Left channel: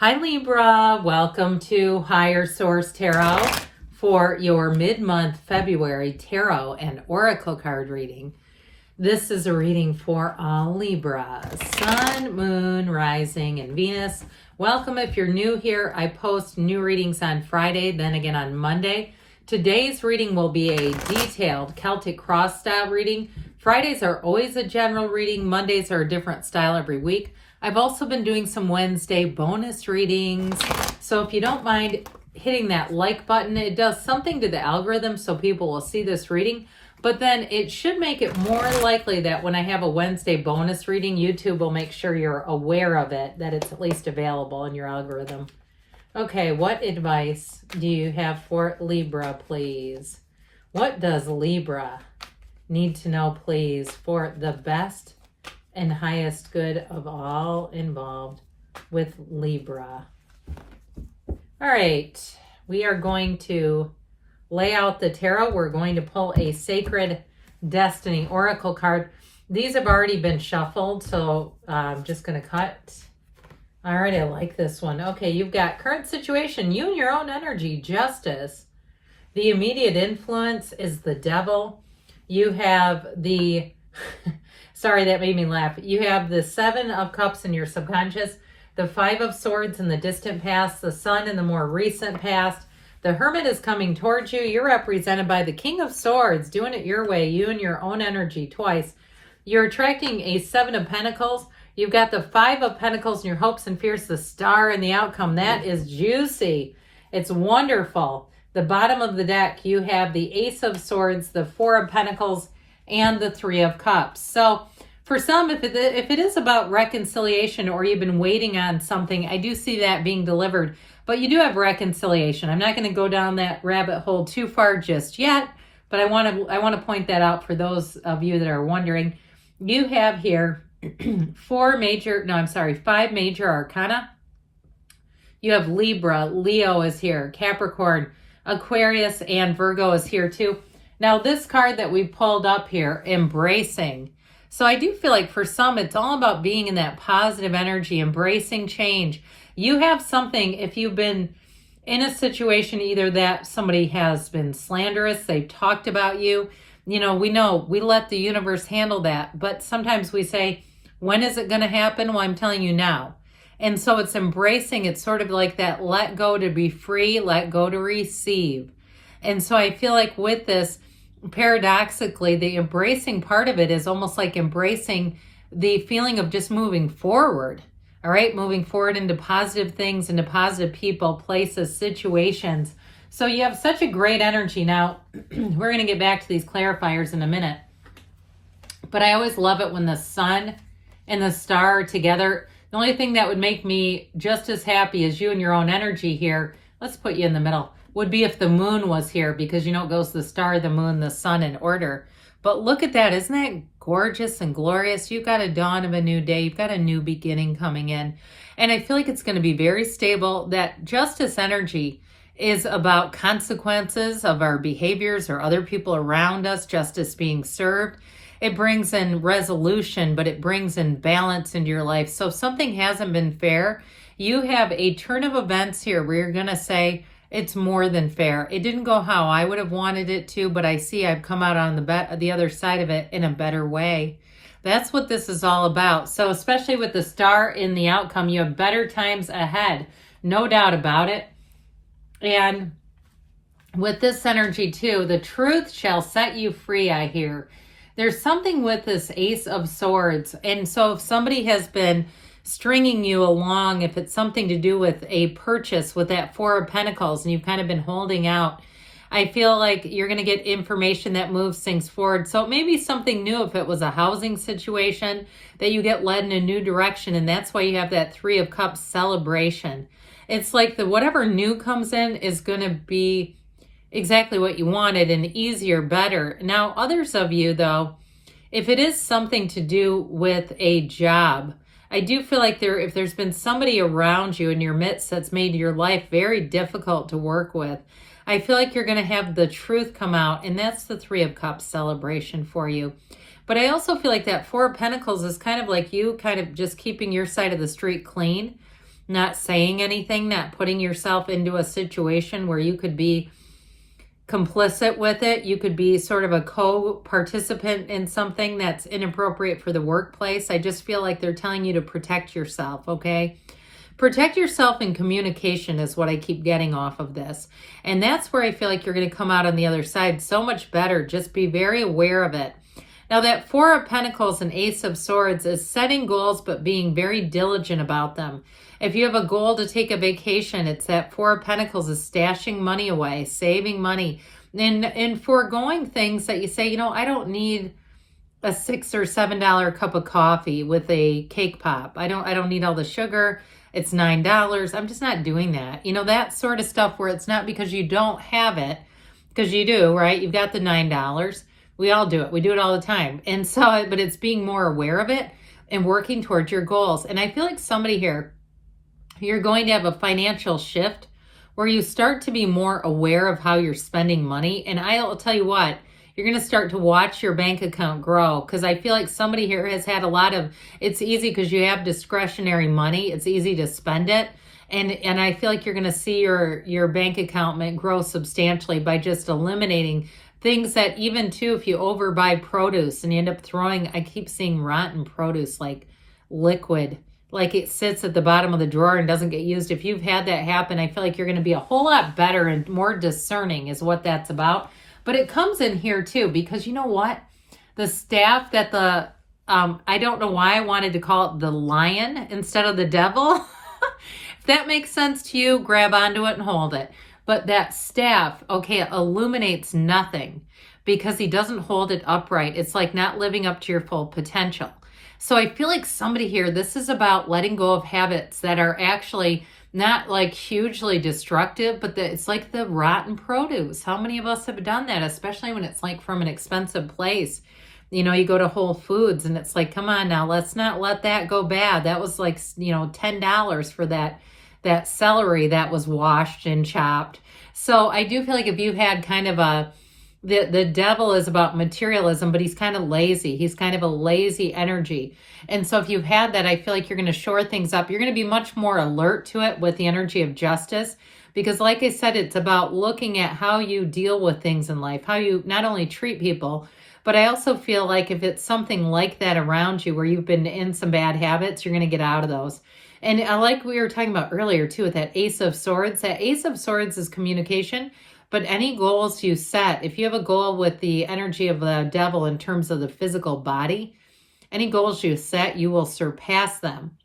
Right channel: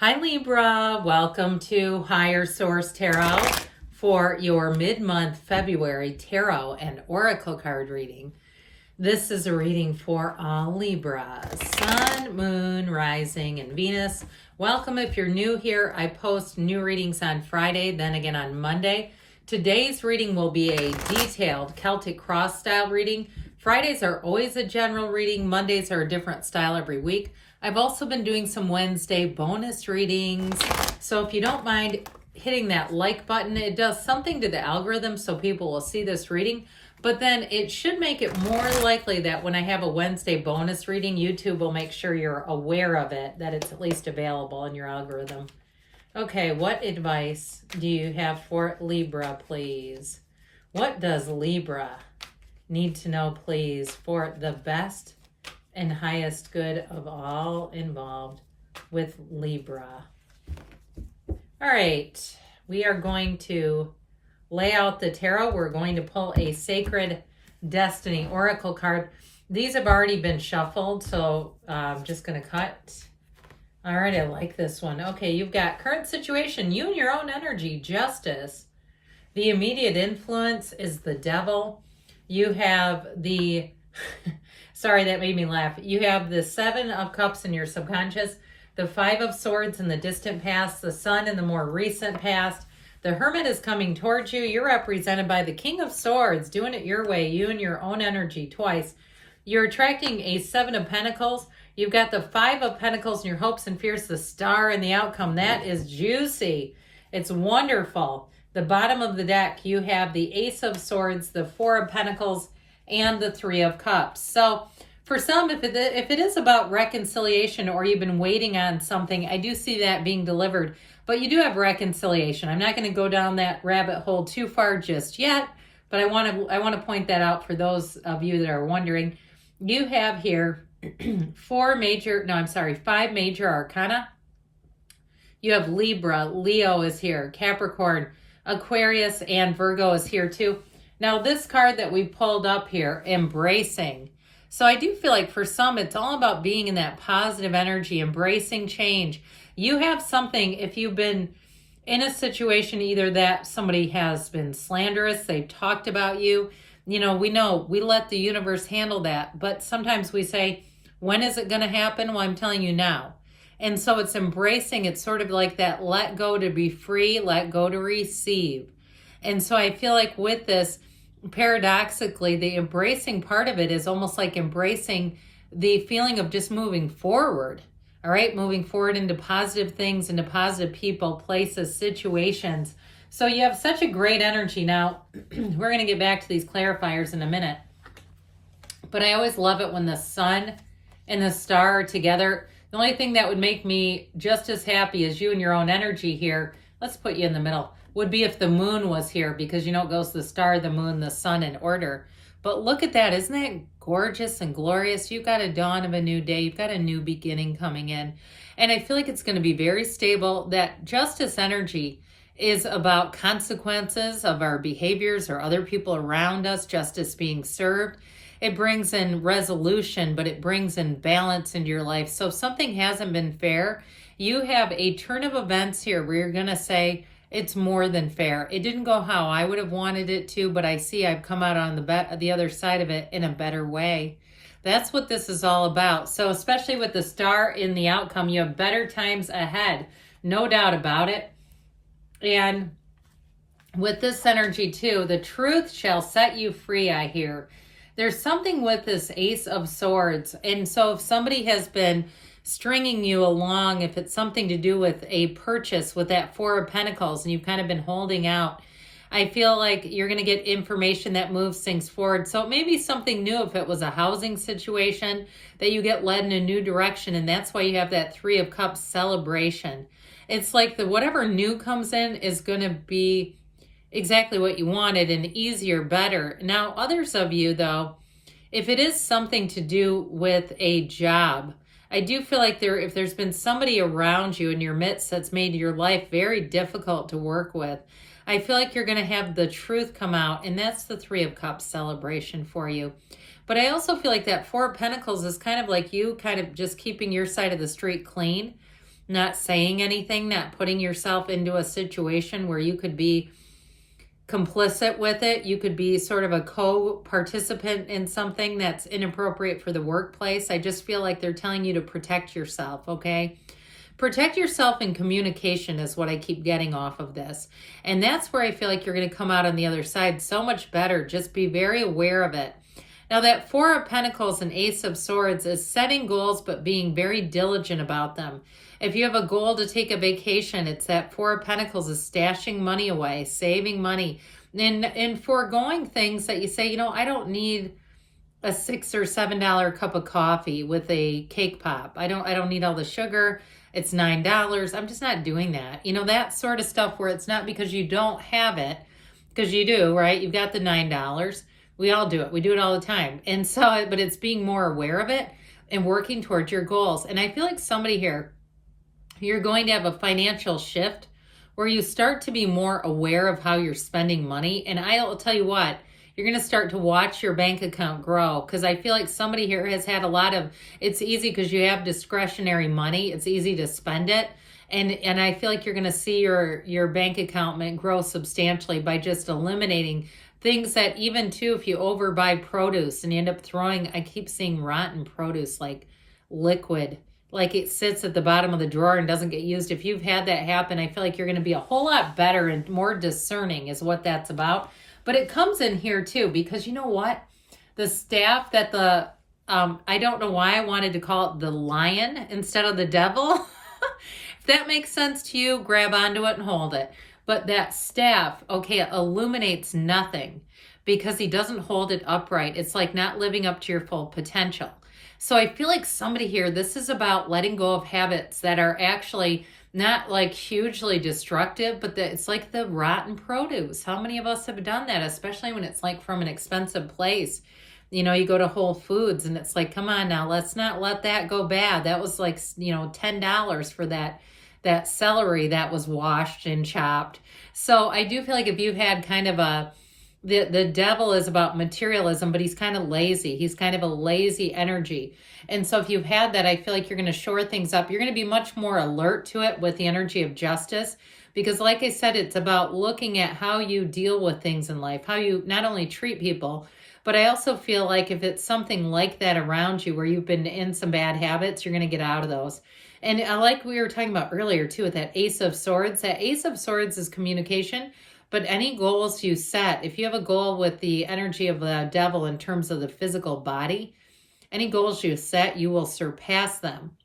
Hi Libra, welcome to Higher Source Tarot for your mid-month February tarot and oracle card reading. This is a reading for all Libra, Sun, Moon, Rising, and Venus. Welcome if you're new here. I post new readings on Friday, then again on Monday. Today's reading will be a detailed Celtic cross style reading. Fridays are always a general reading. Mondays are a different style every week. I've also been doing some Wednesday bonus readings. So if you don't mind hitting that like button, it does something to the algorithm so people will see this reading. But then it should make it more likely that when I have a Wednesday bonus reading, YouTube will make sure you're aware of it, that it's at least available in your algorithm. Okay, what advice do you have for Libra, please? What does Libra need to know, please, for the best and highest good of all involved with Libra? All right, we are going to lay out the tarot. We're going to pull a Sacred Destiny Oracle card. These have already been shuffled, so I'm just going to cut. All right, I like this one. Okay, you've got current situation, you and your own energy, justice. The immediate influence is the devil. You have the, sorry, that made me laugh. You have the Seven of Cups in your subconscious, the Five of Swords in the distant past, the Sun in the more recent past. The Hermit is coming towards you. You're represented by the King of Swords, doing it your way, you and your own energy twice. You're attracting a Seven of Pentacles. You've got the Five of Pentacles in your hopes and fears, the Star in the outcome. That is juicy. It's wonderful. The bottom of the deck, you have the Ace of Swords, the Four of Pentacles, and the Three of Cups. So for some, if it is about reconciliation or you've been waiting on something, I do see that being delivered. But you do have reconciliation. I'm not going to go down that rabbit hole too far just yet, but I want to point that out for those of you that are wondering. You have here five major arcana. You have Libra, Leo is here, Capricorn, Aquarius, and Virgo is here too. Now this card that we pulled up here, embracing. So I do feel like for some, it's all about being in that positive energy, embracing change. You have something, if you've been in a situation either that somebody has been slanderous, they've talked about you, we let the universe handle that. But sometimes we say, when is it going to happen? Well, I'm telling you now. And so it's embracing. It's sort of like that let go to be free, let go to receive. And so I feel like with this, paradoxically, the embracing part of it is almost like embracing the feeling of just moving forward. All right, moving forward into positive things, into positive people, places, situations. So you have such a great energy. Now, we're going to get back to these clarifiers in a minute. But I always love it when the sun and the star are together. The only thing that would make me just as happy as you and your own energy here, let's put you in the middle, would be if the moon was here, because it goes the star, the moon, the sun in order. But look at that. Isn't that gorgeous and glorious? You've got a dawn of a new day. You've got a new beginning coming in. And I feel like it's going to be very stable. That justice energy is about consequences of our behaviors or other people around us, justice being served. It brings in resolution, but it brings in balance into your life. So if something hasn't been fair, you have a turn of events here where you're going to say, it's more than fair. It didn't go how I would have wanted it to, but I see I've come out on the other side of it in a better way. That's what this is all about. So especially with the star in the outcome, you have better times ahead. No doubt about it. And with this energy too, the truth shall set you free, I hear. There's something with this Ace of Swords. And so if somebody has been stringing you along, if it's something to do with a purchase with that Four of Pentacles and you've kind of been holding out, I feel like you're going to get information that moves things forward. So it may be something new if it was a housing situation that you get led in a new direction. And that's why you have that Three of Cups celebration. It's like whatever new comes in is going to be exactly what you wanted and easier, better. Now, others of you though, if it is something to do with a job, I do feel like if there's been somebody around you in your midst that's made your life very difficult to work with, I feel like you're going to have the truth come out, and that's the Three of Cups celebration for you. But I also feel like that Four of Pentacles is kind of like you kind of just keeping your side of the street clean. not saying anything, not putting yourself into a situation where you could be complicit with it. You could be sort of a co-participant in something that's inappropriate for the workplace. I just feel like they're telling you to protect yourself, okay? Protect yourself in communication is what I keep getting off of this. And that's where I feel like you're going to come out on the other side so much better. Just be very aware of it. Now that Four of Pentacles and Ace of Swords is setting goals, but being very diligent about them. If you have a goal to take a vacation, it's that Four of Pentacles is stashing money away, saving money, and foregoing things that you say, you know, I don't need a $6 or $7 cup of coffee with a cake pop. I don't need all the sugar. It's $9. I'm just not doing that. You know, that sort of stuff where it's not because you don't have it, because you do, right? You've got the $9. We all do it. We do it all the time. And so, but it's being more aware of it and working towards your goals. And I feel like somebody here, you're going to have a financial shift where you start to be more aware of how you're spending money. And I'll tell you what, you're going to start to watch your bank account grow, because I feel like somebody here has had a lot of, it's easy because you have discretionary money. It's easy to spend it. And I feel like you're going to see your bank account grow substantially by just eliminating things that, even too, if you overbuy produce and you end up throwing, I keep seeing rotten produce, like liquid, like it sits at the bottom of the drawer and doesn't get used. If you've had that happen, I feel like you're going to be a whole lot better and more discerning is what that's about. But it comes in here too, because you know what? The staff that I don't know why I wanted to call it the lion instead of the devil. If that makes sense to you, grab onto it and hold it. But that staff, okay, it illuminates nothing because he doesn't hold it upright. It's like not living up to your full potential. So I feel like somebody here, this is about letting go of habits that are actually not like hugely destructive, but it's like the rotten produce. How many of us have done that, especially when it's like from an expensive place? You know, you go to Whole Foods and it's like, come on now, let's not let that go bad. That was like, you know, $10 for that celery that was washed and chopped. So I do feel like if you had kind of the devil is about materialism, but he's kind of lazy. He's kind of a lazy energy. And so if you've had that, I feel like you're going to shore things up. You're going to be much more alert to it with the energy of justice. Because like I said, it's about looking at how you deal with things in life, how you not only treat people, but I also feel like if it's something like that around you where you've been in some bad habits, you're going to get out of those. And like we were talking about earlier too with that Ace of Swords, that Ace of Swords is communication. But any goals you set, if you have a goal with the energy of the devil in terms of the physical body, any goals you set, you will surpass them.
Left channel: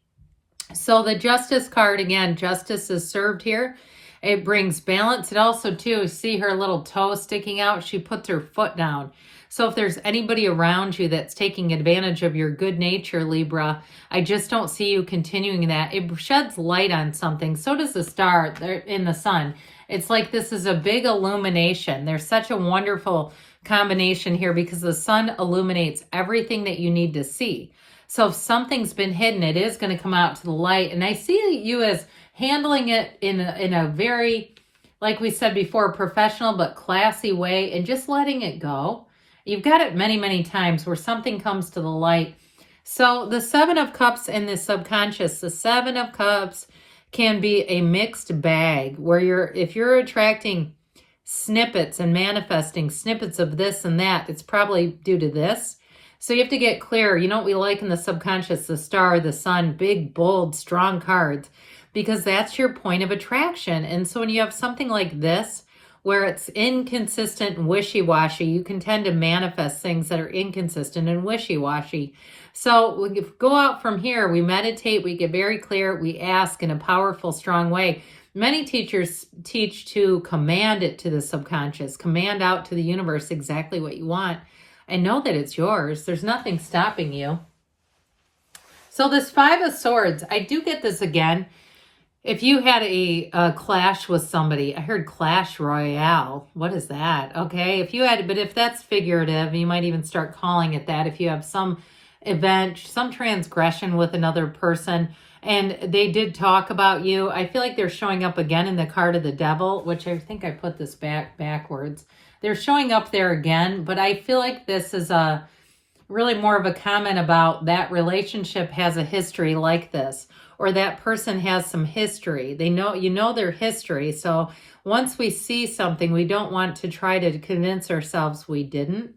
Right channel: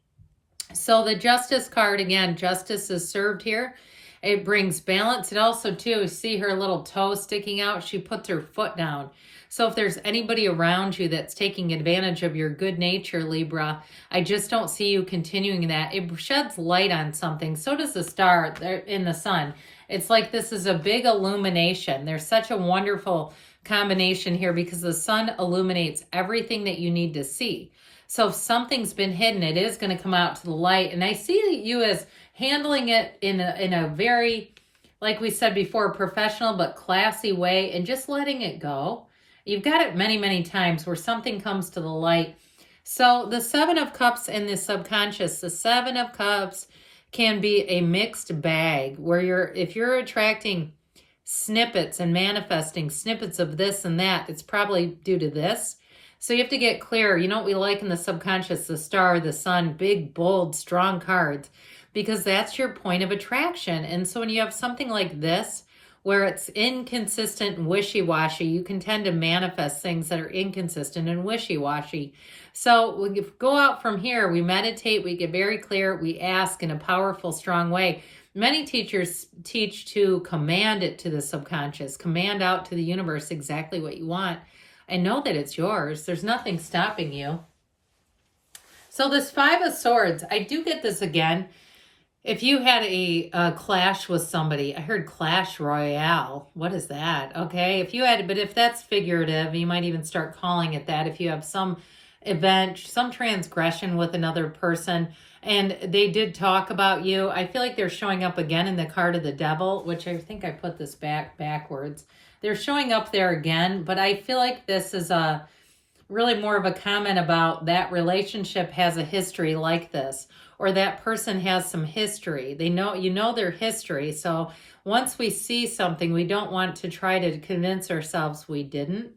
So the Justice card, again, justice is served here. It brings balance. It also, too, see her little toe sticking out? She puts her foot down. So if there's anybody around you that's taking advantage of your good nature, Libra, I just don't see you continuing that. It sheds light on something. So does the star in the sun. It's like this is a big illumination. There's such a wonderful combination here because the sun illuminates everything that you need to see. So if something's been hidden, it is going to come out to the light. And I see you as handling it in a very, like we said before, professional but classy way and just letting it go. You've got it many, many times where something comes to the light. So the Seven of Cups and the subconscious, the Seven of Cups can be a mixed bag where if you're attracting snippets and manifesting snippets of this and that, it's probably due to this. So you have to get clear. You know what we like in the subconscious, the star, the sun, big, bold, strong cards, because that's your point of attraction. And so when you have something like this, where it's inconsistent and wishy-washy, you can tend to manifest things that are inconsistent and wishy-washy. So we go out from here, we meditate, we get very clear, we ask in a powerful, strong way. Many teachers teach to command it to the subconscious, command out to the universe exactly what you want, and know that it's yours. There's nothing stopping you. So this Five of Swords, I do get this again. If you had a clash with somebody, I heard Clash Royale. What is that? Okay, but if that's figurative, you might even start calling it that. If you have some event, some transgression with another person, and they did talk about you, I feel like they're showing up again in the card of the devil, which I think I put this backwards. They're showing up there again, but I feel like this is really more of a comment about that relationship has a history like this. or that person has some history. They know, you know, their history. So once we see something, we don't want to try to convince ourselves we didn't.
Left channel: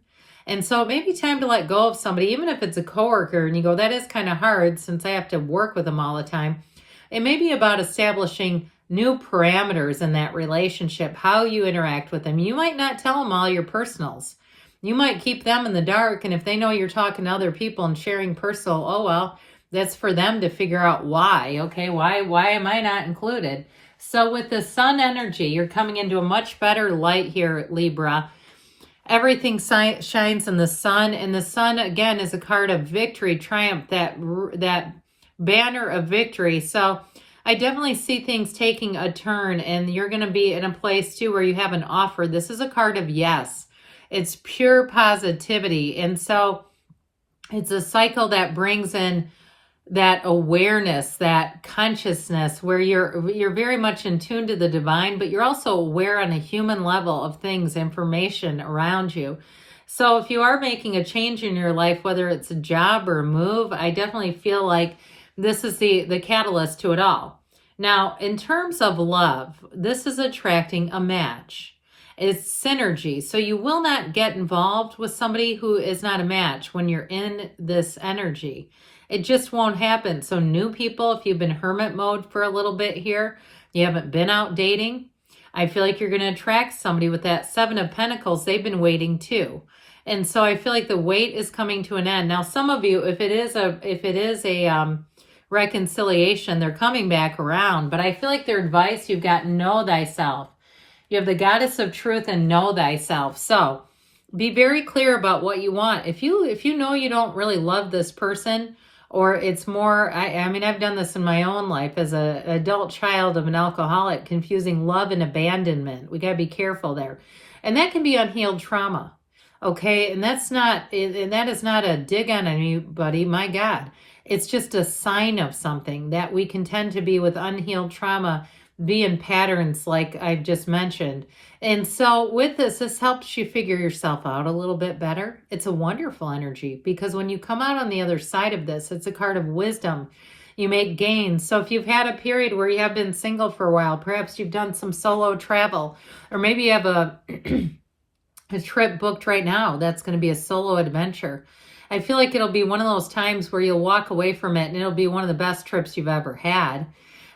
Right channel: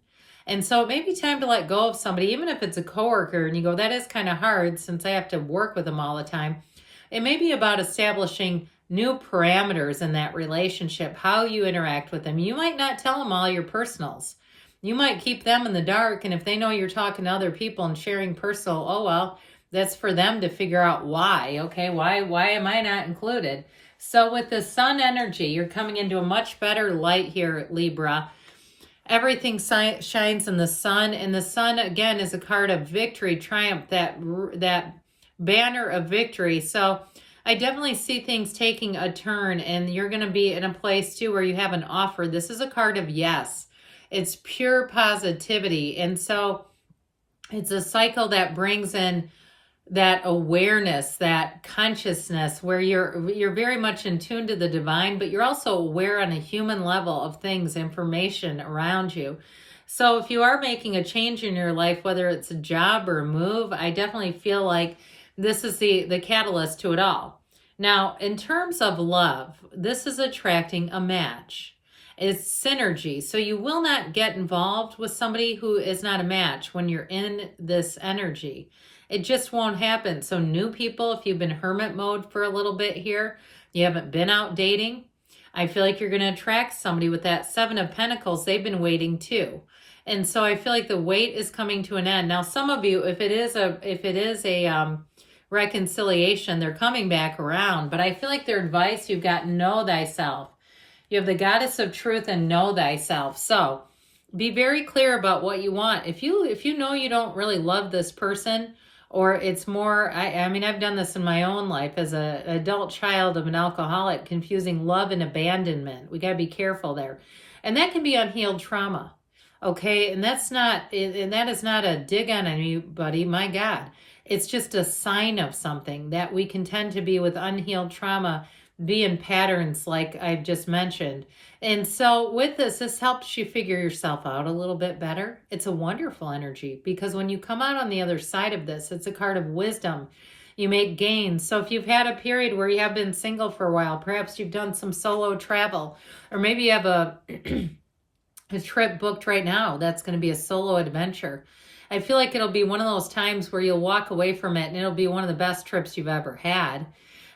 And so it may be time to let go of somebody, even if it's a coworker and you go, that is kind of hard since I have to work with them all the time. It may be about establishing new parameters in that relationship, how you interact with them. You might not tell them all your personals. You might keep them in the dark. And if they know you're talking to other people and sharing personal, oh, well, that's for them to figure out why. Okay, why am I not included? So with the sun energy, you're coming into a much better light here, Libra. Everything shines in the sun, and the sun again is a card of victory, triumph, that banner of victory. So I definitely see things taking a turn, and you're going to be in a place too where you have an offer. This is a card of yes. It's pure positivity, and so it's a cycle that brings in that awareness, that consciousness, where you're very much in tune to the divine, but you're also aware on a human level of things, information around you. So if you are making a change in your life, whether it's a job or a move, I definitely feel like this is the catalyst to it all. Now, in terms of love, this is attracting a match. It's synergy. So you will not get involved with somebody who is not a match when you're in this energy. It just won't happen. So new people, if you've been hermit mode for a little bit here, you haven't been out dating, I feel like you're going to attract somebody with that Seven of Pentacles. They've been waiting too. And so I feel like the wait is coming to an end. Now, some of you, if it is a reconciliation, they're coming back around. But I feel like their advice, you've got know thyself. You have the goddess of truth and know thyself. So be very clear about what you want. If you know you don't really love this person, or it's more, I mean, I've done this in my own life as an adult child of an alcoholic, confusing love and abandonment. We got to be careful there. And that can be unhealed trauma. Okay. And that is not a dig on anybody. My God, it's just a sign of something that we can tend to be with unhealed trauma, be in patterns like I've just mentioned. And so with this helps you figure yourself out a little bit better. It's a wonderful energy because when you come out on the other side of this, it's a card of wisdom. You make gains. So if you've had a period where you have been single for a while, perhaps you've done some solo travel, or maybe you have a trip booked right now that's going to be a solo adventure. I feel like it'll be one of those times where you'll walk away from it and it'll be one of the best trips you've ever had,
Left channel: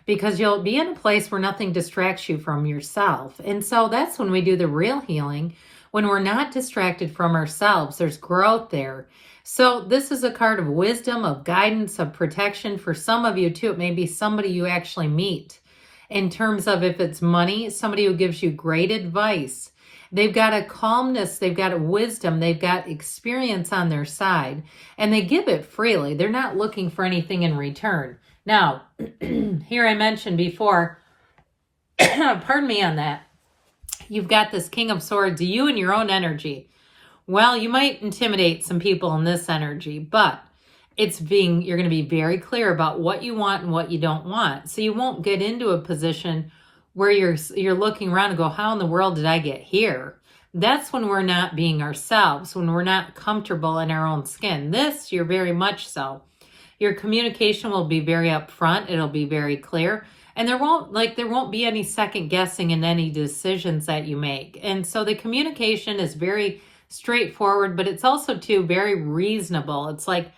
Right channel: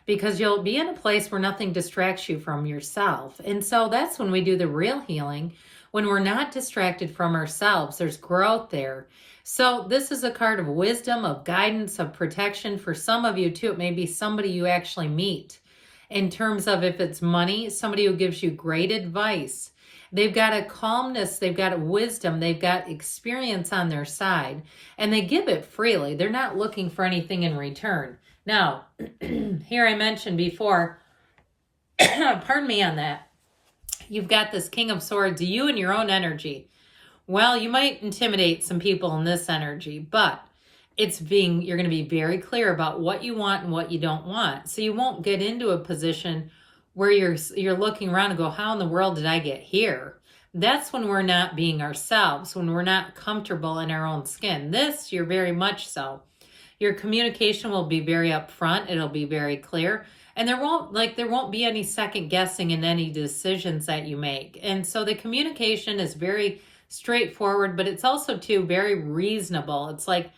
because you'll be in a place where nothing distracts you from yourself. And so that's when we do the real healing, when we're not distracted from ourselves. There's growth there. So this is a card of wisdom, of guidance, of protection. For some of you too, it may be somebody you actually meet. In terms of if it's money, somebody who gives you great advice. They've got a calmness, they've got a wisdom, they've got experience on their side, and they give it freely. They're not looking for anything in return. Now, here I mentioned before, pardon me on that, you've got this King of Swords, you and your own energy. Well, you might intimidate some people in this energy, but you're going to be very clear about what you want and what you don't want. So you won't get into a position where you're looking around and go, how in the world did I get here? That's when we're not being ourselves, when we're not comfortable in our own skin. This, you're very much so. Your communication will be very upfront. It'll be very clear. And there won't be any second guessing in any decisions that you make. And so the communication is very straightforward, but it's also too very reasonable. It's like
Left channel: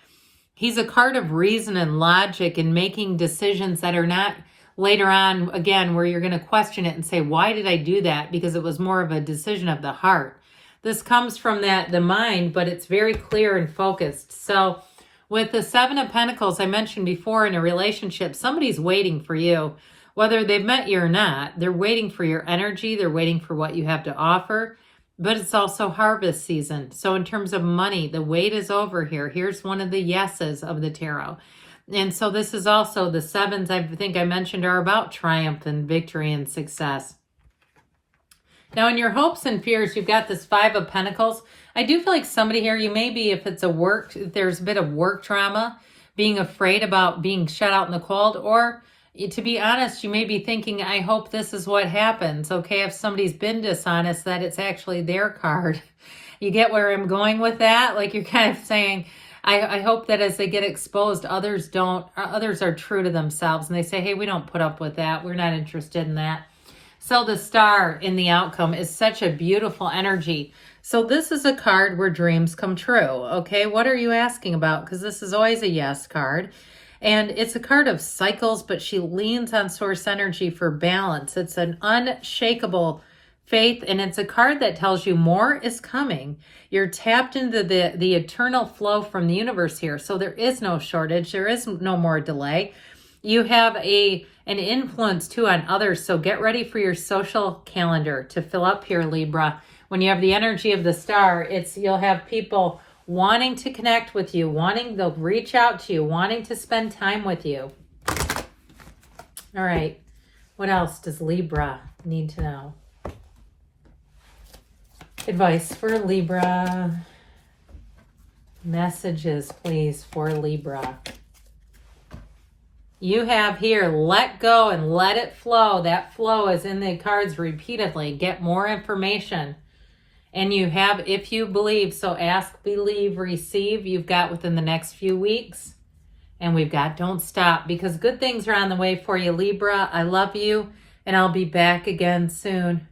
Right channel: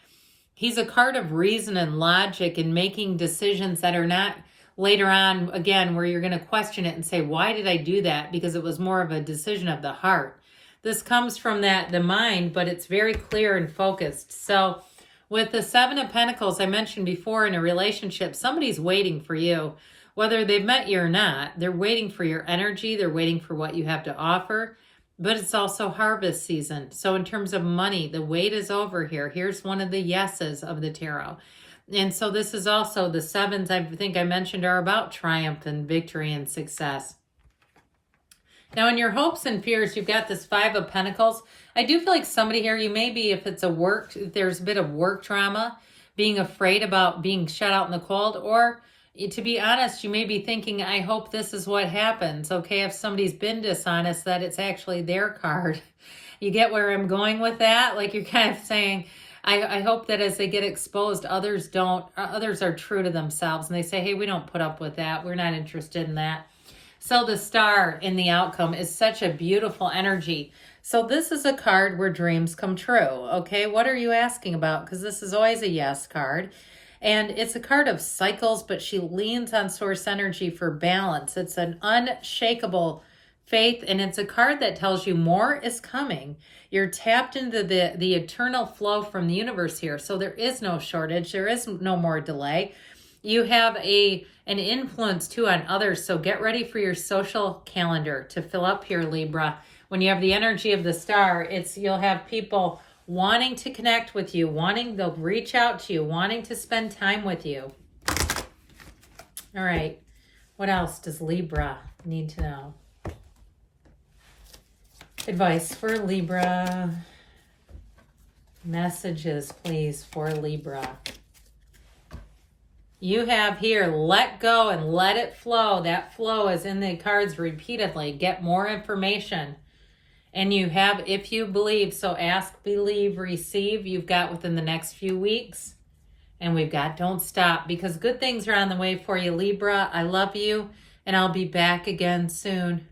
he's a card of reason and logic and making decisions that are not later on, again, where you're going to question it and say, why did I do that? Because it was more of a decision of the heart. This comes from the mind, but it's very clear and focused. So with the Seven of Pentacles, I mentioned before, in a relationship, somebody's waiting for you. Whether they've met you or not, they're waiting for your energy. They're waiting for what you have to offer. But it's also harvest season. So in terms of money, the wait is over here. Here's one of the yeses of the tarot. And so this is also the sevens I think I mentioned are about triumph and victory and success. Now in your hopes and fears, you've got this Five of Pentacles. I do feel like somebody here, you may be, if there's a bit of work trauma, being afraid about being shut out in the cold, or to be honest, you may be thinking, I hope this is what happens. Okay, if somebody's been dishonest, that it's actually their card. You get where I'm going with that? Like you're kind of saying, I hope that as they get exposed, others are true to themselves and they say, hey, we don't put up with that. We're not interested in that. So the star in the outcome is such a beautiful energy. So this is a card where dreams come true. Okay, what are you asking about? Because this is always a yes card. And it's a card of cycles, but she leans on source energy for balance. It's an unshakable faith, and it's a card that tells you more is coming. You're tapped into the eternal flow from the universe here. So there is no shortage. There is no more delay. You have an influence too on others. So get ready for your social calendar to fill up here, Libra. When you have the energy of the star, you'll have people wanting to connect with you, they'll reach out to you, wanting to spend time with you. All right. What else does Libra need to know? Advice for Libra. Messages, please, for Libra. You have here, let go and let it flow. That flow is in the cards repeatedly. Get more information. And you have, if you believe, so ask, believe, receive. You've got within the next few weeks. And we've got don't stop, because good things are on the way for you, Libra. I love you, and I'll be back again soon.